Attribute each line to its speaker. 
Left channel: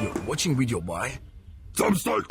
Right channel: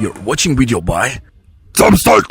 Speaker 1: You're watching video by
Speaker 2: Thumbstack!